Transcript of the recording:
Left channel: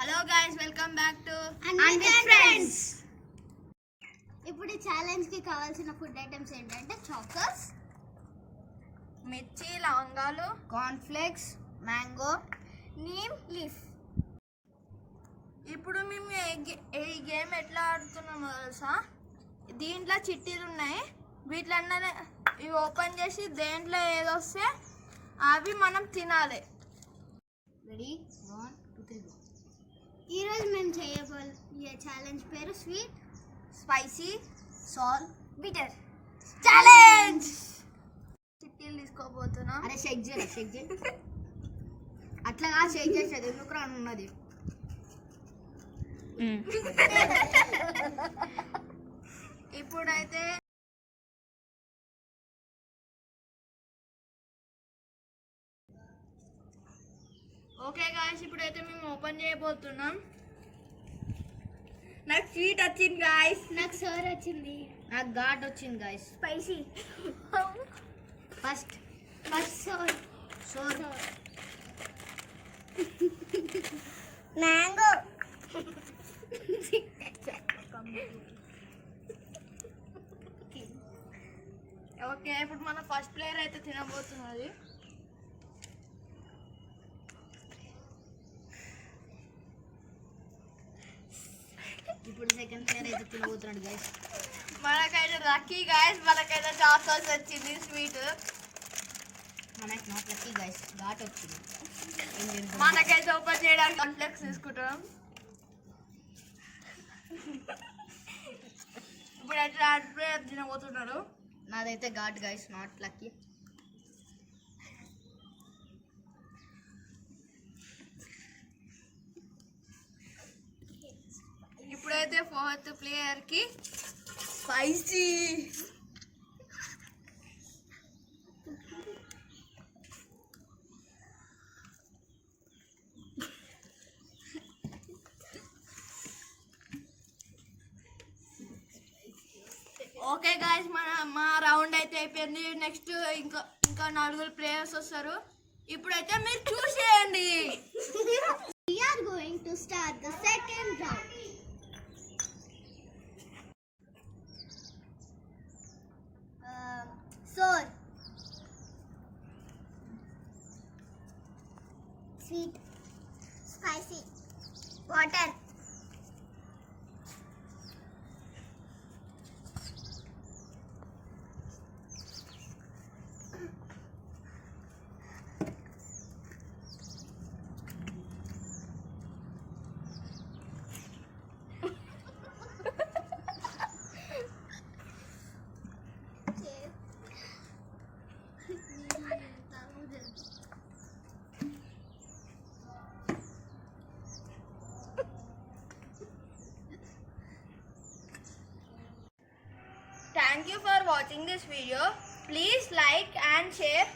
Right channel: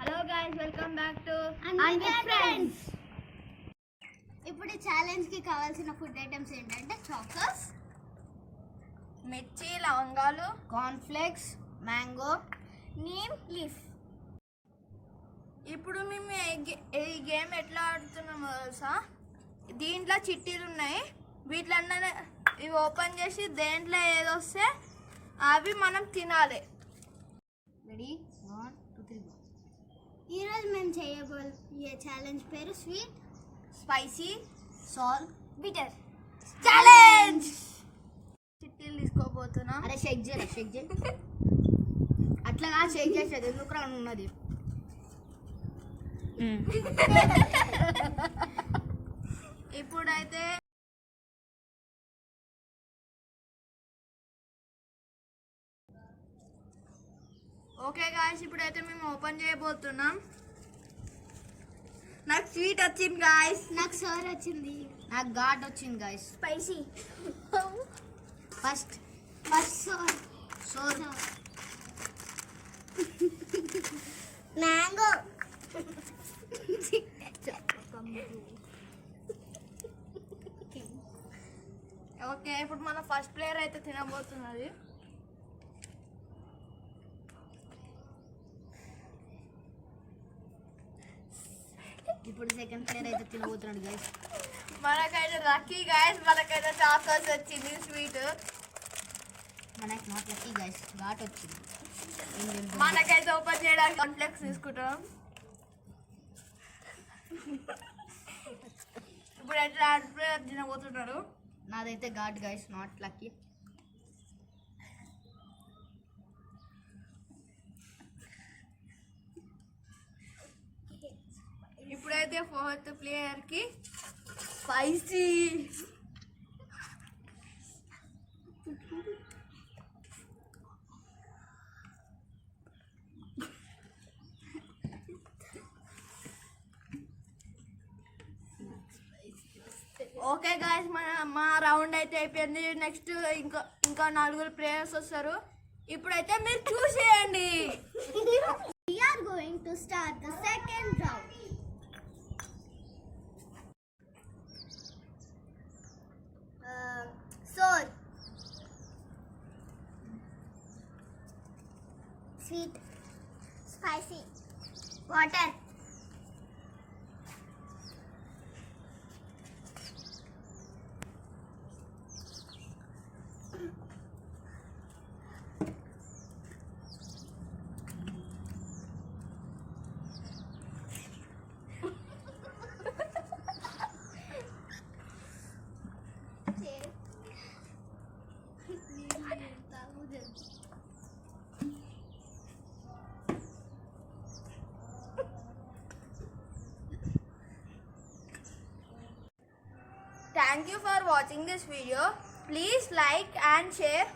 Hello guys, welcome back to friends. ఇప్పుడు ఈ ఛాలెంజ్ కి కావాల్సిన ఫుడ్ ఐటమ్స్ ఏంటంటే చాకోస్, మిర్చి, లవంగాలు, corn flakes, mango, neem leaf. ఇప్పుడు మేము ఈ గేమ్ ఎట్లా ఆడుతున్నామో తెలుసా? దీంట్లో చిట్టీలు ఉన్నాయి. వీటిలన్నా ఇవి ఓపెన్ చేసి దేంట్లో ఏదొస్తే అవి మనం తినాలి. రెడీ? 1 2 3 ఈరోజు మేము చేయబోయే ఛాలెంజ్ పేరు sweet, spicy, salt, bitter challenge. చిట్టీలు తీసుకోబోతున్నా. అరే షేక్ చేయి అట్లాగా షేక్ చేసేది ఎందుకు రాను ఉన్నది. ఇప్పుడైతే ఓకే గాయస్, ఇప్పుడైతే మేము ఓపెన్ చేయబోతున్నాం. నాకు స్వీట్ వచ్చింది గాయస్. నాకు సోర్ వచ్చింది. నాకు ఘాట్ వచ్చింది guys. Spicy. First sour sour mango. Okay, ఇప్పుడు మన ఫస్ట్ ప్లేయర్ అయితే తినబోతున్నది. ఇప్పుడు సెకండ్ ప్లేయర్ అయితే తినబోతున్నాడు గైస్. మనకైతే లక్కీ గైస్, మనకైతే చాకోస్ వచ్చింది స్వీట్. మనకి నాట్ లక్కీ గైస్, ఘాట్ వచ్చింది. మనకైతే ఓపెన్ చేయడానికి కాంప్లెక్స్ తీసుకుంటాం. ఇప్పుడు అయితే ప్లేయర్ తినబోతున్నారు. నాదైతే ఘాట్ గైస్, నాట్ లక్కీ. ఇప్పుడైతే ఫోర్త్ ప్లేయర్ కి స్పైసీ. ఓకే గాయస్, మా రౌండ్ అయితే అయిపోయింది. నెక్స్ట్ ఇంకా 4 ప్లేయర్స్ వస్తారు. ఇప్పుడైతే మీరు చూసేయండి. We are going to start the second round. Sour, sweet, spicy, water, Thank you for watching this video. Please like and share.